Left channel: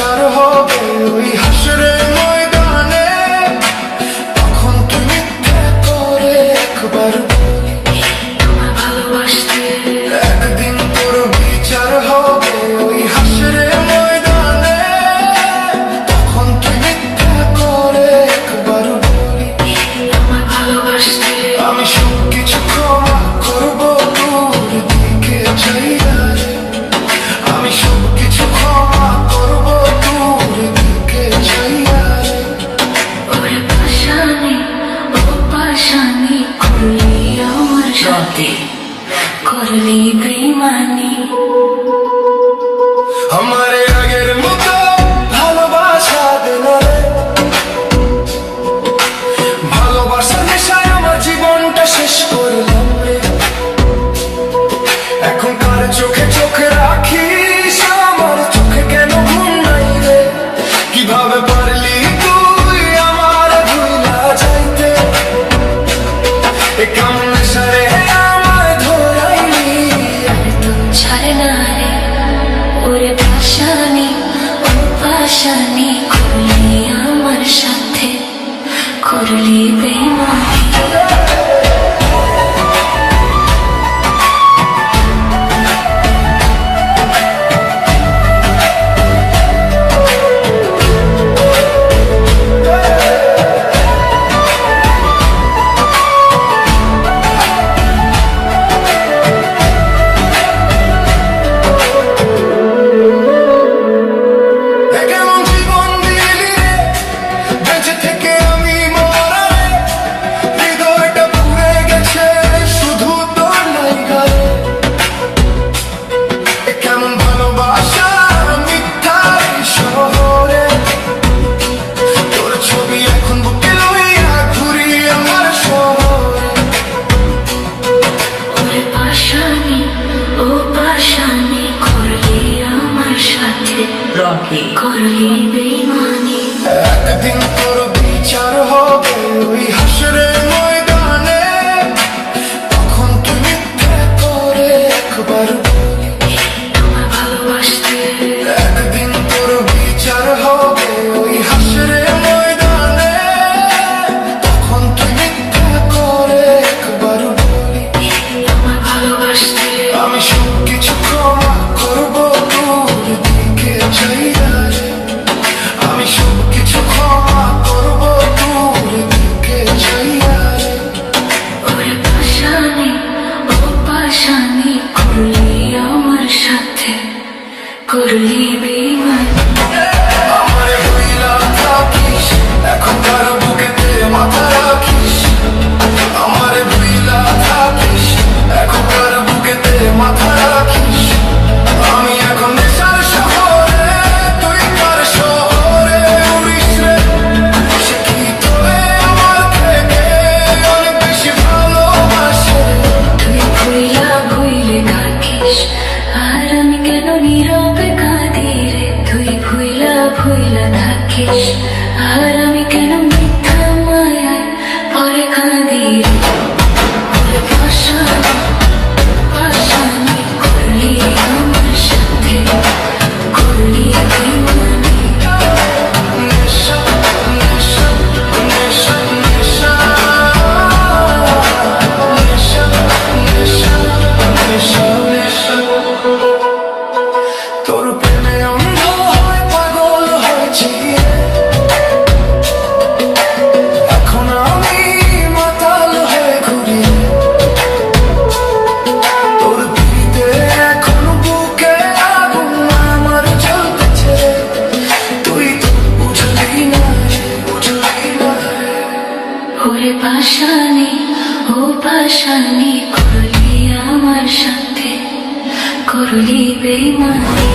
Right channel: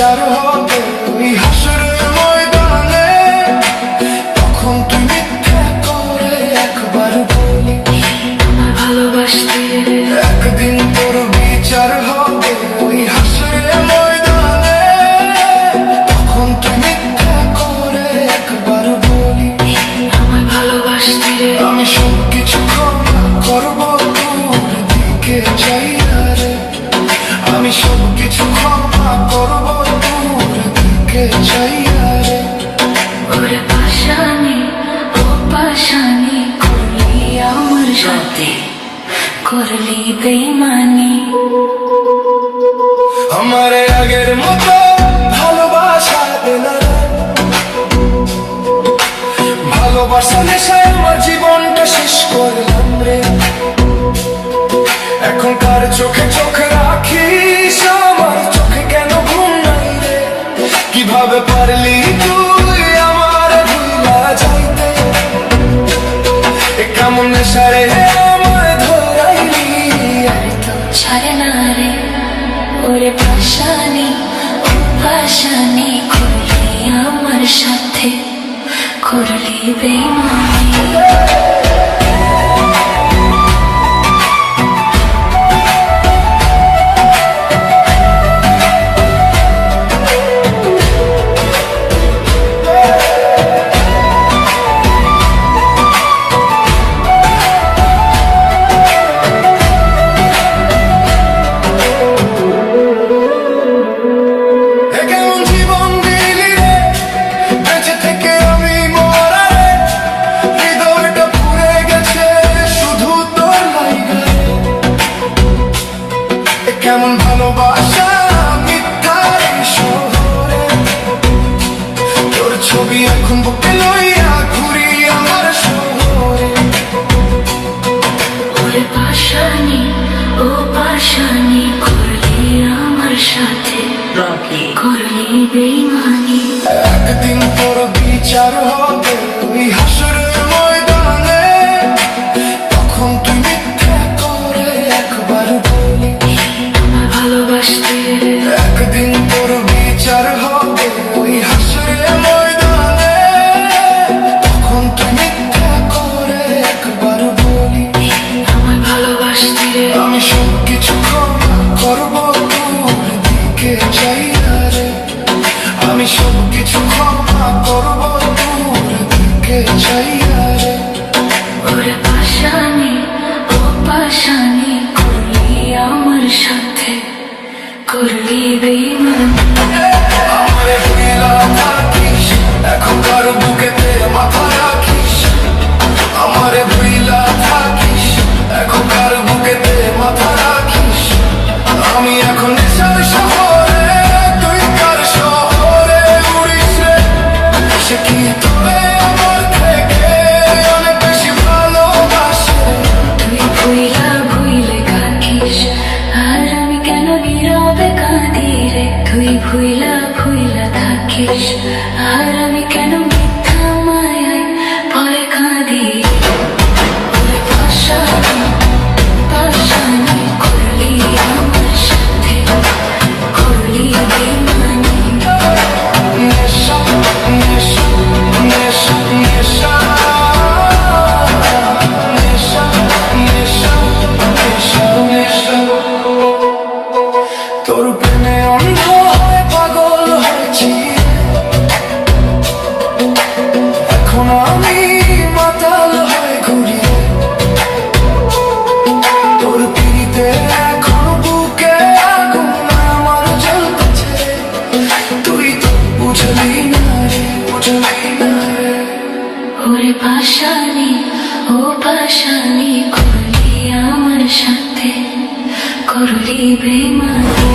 বিচার হবে ওই হাসরের ময়দানে। তখন তুই মিথ্যা করে একবার বলিস তোমায় ভালোবাসতে, একদিন তোর বিচার হবে ওই হাসরের ময়দানে। তখন তুই মিথ্যা করে একবার বলিস আমায় ভালোবাসতে। আমি সবকিছু ক্ষমা করবো তোর দিকে চাইয়া রে। আমি সবকিছু ক্ষমা করবো তোর দিকে চাইয়া রে। ওরে পাশানি, ও পাশানি, করলি আমার সাথে, করলি বেইমানি। আমারে আগের মতো ভালোবাসা দে না রে। ভালোবাসার নেশায় আমার জীবনটা শেষ করলাম রে। এখন কার চোখে চোখে রাখিস, আমার চোখে কেন ঘুম নাই রে। কিভাবে পারলি তুই আমার ভুলা যাইতে, এ কেমন নেশা রে আমায় ধরাইলি। আরে তো ছাড়ে না রে, ওরে পাশানি, ও পাশানি, করলি আমার সাথে, করলি বেইমানি। এ কেমন জীবন দিলি রে, বেঁচে থেকে আমি মরা রে। হৃদয়টা পুড়ে গেছে শুধু তোর লাইগা রে। এ কেমন ভালোবাসা মিথ্যার এই শহরে। তোর ছবি এখন বুকে লইয়া ঘুরি আমার শহরে। ওরে পাশানি, ও পাশানি, করলি আমার সাথে, করলি বেইমানি। একদিন তোর বিচার হবে ওই হাসরের ময়দানে। তখন তুই মিথ্যা করে একবার বলিস তোমায় ভালোবাসতে, একদিন তোর বিচার হবে ওই হাসরের ময়দানে। তখন তুই মিথ্যা করে একবার বলিস আমায় ভালোবাসতে। আমি সবকিছু ক্ষমা করবো তোর দিকে চাইয়া রে। আমি সবকিছু ক্ষমা করবো তোর দিকে চাইয়া রে। ওরে পাশানি, ও পাশানি, করলি আমার সাথে, করলি বেইমানি। আমারে ভুইলা থাকিস, এখনকার বুকেতে মাথা রাখিস। আমারে ভুইলা থাকিস, এখনকার বুকেতে মাথা রাখিস। আমি এখন নেশার শহরে, তুই কার শহরে উড়িস রে। সে কি তোরে আমার থেকে অনেক বেশি ভালোবাসে। তুই ভুইলা ভুইলে কাঁদিস, আর আমি কেন নীরবে কাঁদি রে। তুই ভুইলা ভুইলা থাকিস, আর আমি কেন মিথ্যা মায়ায় পরে কাঁদি রে। ওরে পাশানি, পাশানি, করলি আমার সাথে, করলি বেইমানি। নেশা নেশা নেশা নেশা নেশা নেশা নেশা নেশা। তোর প্রেমে অন্ধ হয় পাগল হয়েছি। এখন আমি মাতাল হয়ে ঘুরি। তোর পিড়িতে এখন বুকে আগুন আমার জ্বলতেছে। তুই তো বুঝলি না রে, বুঝলি না রে। ওরে পাশানি, ও পাশানি, করলি আমার সাথে, করলি বেইমানি।